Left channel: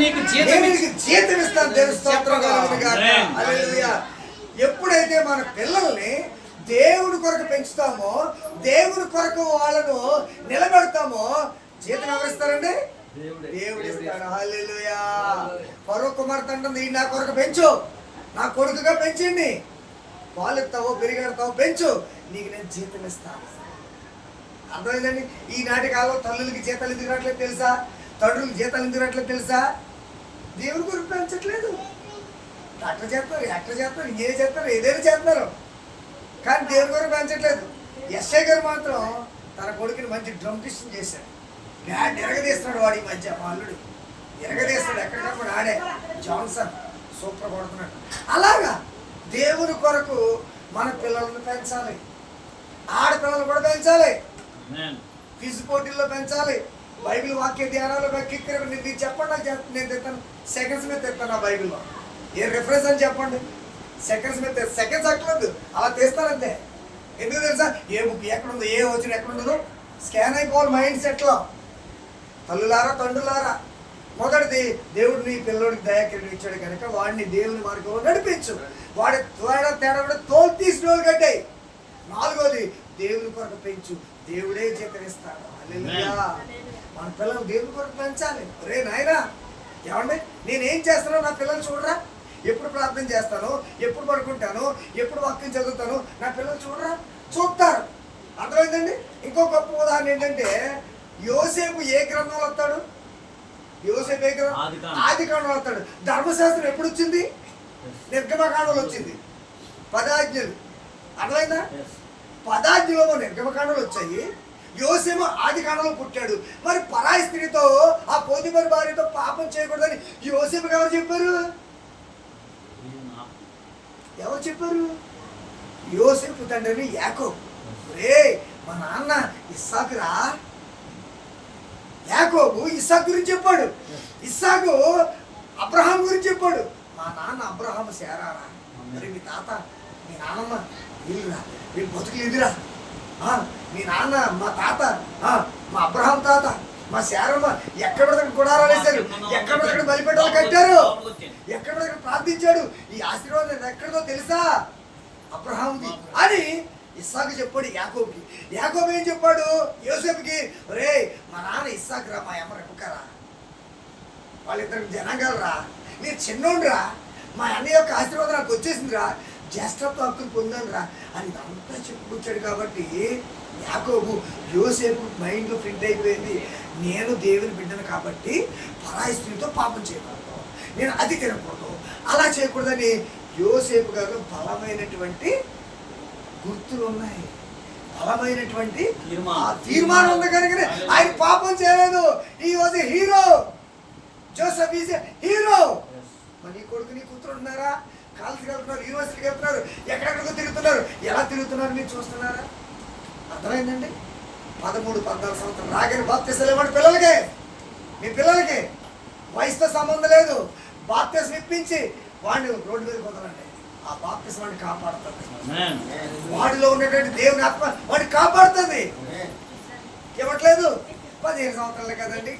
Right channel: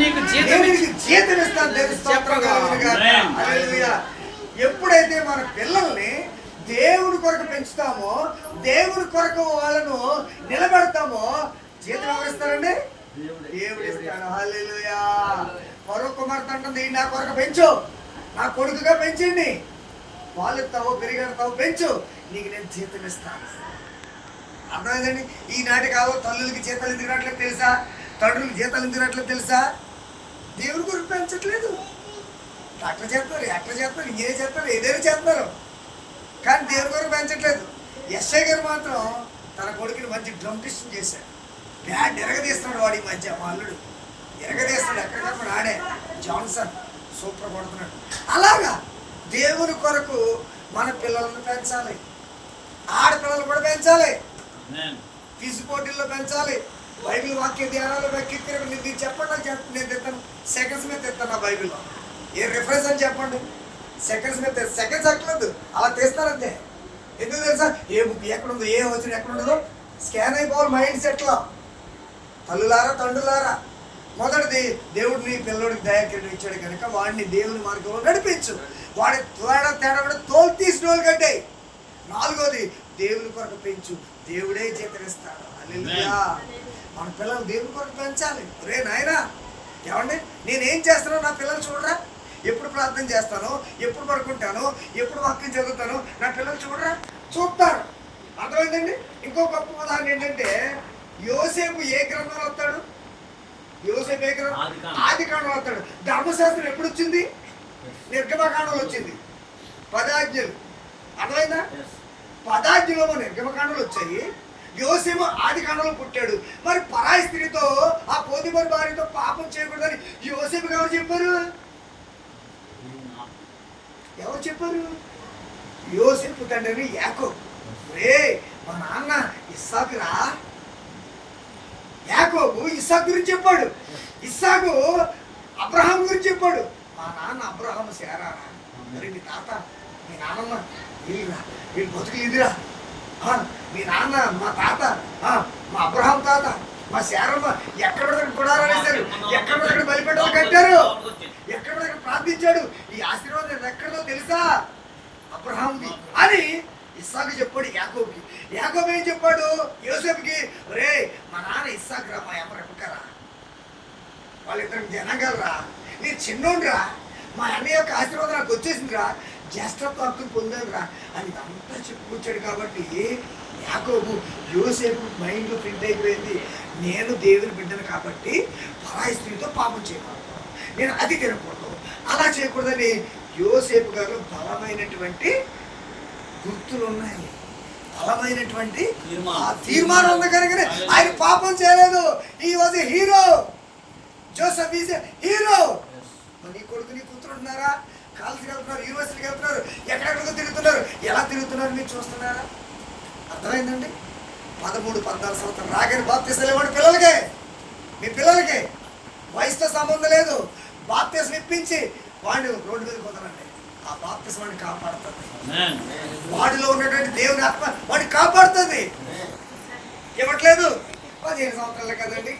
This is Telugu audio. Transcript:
నీకు జీతం ఇస్తాను. దేవుని స్తోత్రం కలుగును గాక. హల్లెలూయా. ఎప్పుడైతే మన పిల్లల్ని దేవుని కొరకు పెంచుతామో, దేవుని కొరకు వాళ్ళను నిలబెడతామో, జీతం ఎవరు ఇస్తారండి? దేవుడు ఇస్తాడు. హల్లెలూయా. ఫరో కుమార్తె అంటుంది, నా కొరకు పెంచు, నా కొడుకుగా పెంచింది, పాలెత్తావో పెరిగెడతావో పెంచు, నీకు నేను జీతం ఇస్తాను. అర్థమైందండి? ఈనాటి కాలం తల్లులకి జీతాలు ఎందుకు రావట్లేదు తెలుసా? తండ్రులకి జీతాలు ఎందుకు రావట్లేదు తెలుసా? దేవుని కొరకు పెంచట్లేదు. డాక్టర్ చేస్తారు, యాక్టర్ చేస్తారు, ఇంజనీర్ చేస్తారు, ఏదైనా చేస్తున్నారు, కానీ దేవుని కొరకు పెంచట్లేదు. ఎస్ఐ గారు మాత్రం తన కొడుకుని మంచి డ్రమ్టిస్ట్ చేశాడు. బ్యాడ్ ఎరగదీస్తున్నాడు. వాడి మధ్య మా అల్లుడు ఎరగదీస్తాడు. ఎక్కడికక్కడ ఆడే జాన్సన్ సూపర్ కొడుతున్నాడు. అలాగా దేవుని కొరకు మన పిల్లలను పెంచాలి. ఆడపిల్లలు కూడా పెంచాలి. ఫిజ్ పోటీల్లో పెంచాలి. బైబిల్ వాక్య ధ్యానాలు మీరు చెప్పండి, నాకు చెప్పండి, నేను తెస్తాను. సెకండ్స్ మీద తెస్తాను ఆ బైబిల్లో. ఏ రిఫరెన్స్ అని చెప్పండి. సెకండ్స్ మీద సెకండ్స్ అట్లేదు, అలా తీస్తానంతే. ఎందుకు తెలుసా? ఏ బుక్ ఎక్కడుందో, ఏ వచ్చిన ఎక్కడుండదో స్కాన్ అయిపోవాలి మైండ్ సెట్లో. తల్లులారా, తండ్రులారా, మొదటిది దేవుడు నీ పిల్లోడికి దయాకిరీటం ఇచ్చాడు కనుక వాడిని దేవుని మార్గంలో నడిపించు. వాడి తేడా కూడా తోలు తీసిన వాళ్ళు కట్టాయి. నాలుగోది దేవుని కొరకు పెంచు, దేవుడే జీతం ఇస్తాడు. హల్లెలూయా. మన పిల్లలు దేవుని కొరకు పెంచాలి. రే నాయనా, ఏమండి నేనేం చేస్తానో నా పిల్లలు చూడరా, ఎప్పుడు ప్రార్థన చేస్తాను, ఎప్పుడు పడుకుంటాను, ఎప్పుడు వాక్యం చదువుతాను, నా పిల్లలు చూడరా, చూస్తారు. అర్థమైందండి? ఇంకో గొప్ప ఉదాహరణ ఏంటంటే, యోసేపు ఏ గ్రంథంలో వస్తాడు? యోసేపు ఏ గ్రంథం? ఆదికాండంలో వస్తాడు. ధర్మశాస్త్రం ఎప్పుడు వచ్చింది? నిర్గమకాండంలో వచ్చింది. 10 ఆజ్ఞలు. అర్థమైందా? 10 ఆజ్ఞలో నిర్గమకాండంలో వచ్చాయి. యోసేపు ఆదికాండంలో పుట్టాడు. మరి పరాయి స్త్రీతో, ఆ పోతీఫరు భార్యతో పాపం చేయకూడదని యోసేపుకి ఎవరు చెప్పారు? ఎవరు చెప్పారు? యోసేపు తండ్రిని యాకోబు. రే మా నాన్న ఇస్సాకురా. యాకోబు ఇస్సాకు గురించి చెప్పాడు. ఇస్సాకు అబ్రహాం గురించి చెప్పాడు. మా నాన్న అబ్రహాము శారారా. మరి మీ తాత, మీ నాన్నమ్మ వీళ్ళురా, వీళ్ళు బతుకులు ఇదిరా. మీ నాన్న, మా తాత, మా అబ్రహాం తాత, మా శారమ్మ ఎక్కడ గుడారాలు వేశారు, ఎక్కడ బలిపెట్టాలు కట్టారు, ఎక్కడ ప్రార్థించాడు. ఈ ఆశీర్వాదం ఎక్కడో తెలుసా? అబ్రహాంది అని ఇస్సాకు చెప్పాడు యాకోబుకి. యాకోబు ఏం చెప్పాడు యోసేపుకి? రే మా నాన్న ఇస్సాకు రా, మా అమ్మ రెబెక్కరా, వాళ్ళిద్దరికి జనాంగాలరా, నేను చిన్నోండ్రా, మా అన్న యొక్క ఆశీర్వాదం నాకు వచ్చేసిందిరా, జ్యేష్ఠత్వ హక్కును పొందానురా అని అంతా చెప్పుకొచ్చాడు. కాబట్టి యాకోబు యోసేపు మైండ్లో ఫిట్ అయిపోయింది, నేను దేవుని బిడ్డను కాబట్టి పరాయి స్త్రీతో పాపం చేయకూడదు, నేను అది తినకూడదు, అలా చేయకూడదని యోసేపు గారు బలమైనటువంటి గుర్తులు ఉన్నాయి, బలమైనటువంటి తీర్మానం ఉంది. కనుక ఆయన పాపం చేయలేదు. ఈ was a hero. Joseph is a hero. నీ కొడుకు నీ కూతురు ఉంటున్నారా? కాలేజీకి వెళ్తున్నారు, యూనివర్సిటీకి వెళ్తున్నారు, ఎక్కడెక్కడికో తిరుగుతున్నారు. ఎలా తిరుగుతున్నారు మీరు చూస్తున్నారా? అర్థమైందండి? 13-14 సంవత్సరాలు రాగానే బాప్తిసాలు ఇవ్వండి పిల్లలకే. మీ పిల్లలకి వయసుతో సంబంధం లేదు. బాప్తిసం ఇప్పించి వాడిని రోడ్డు మీద కుదరండి. ఆ బాప్తిసం వాడిని కాపాడుతుంది. వాడిలో ఉన్నటువంటి దేవుని ఆత్మ వాడిని కాపాడుతుంది. ఇవ్వట్లేదు. 15 సంవత్సరాలే కదండి.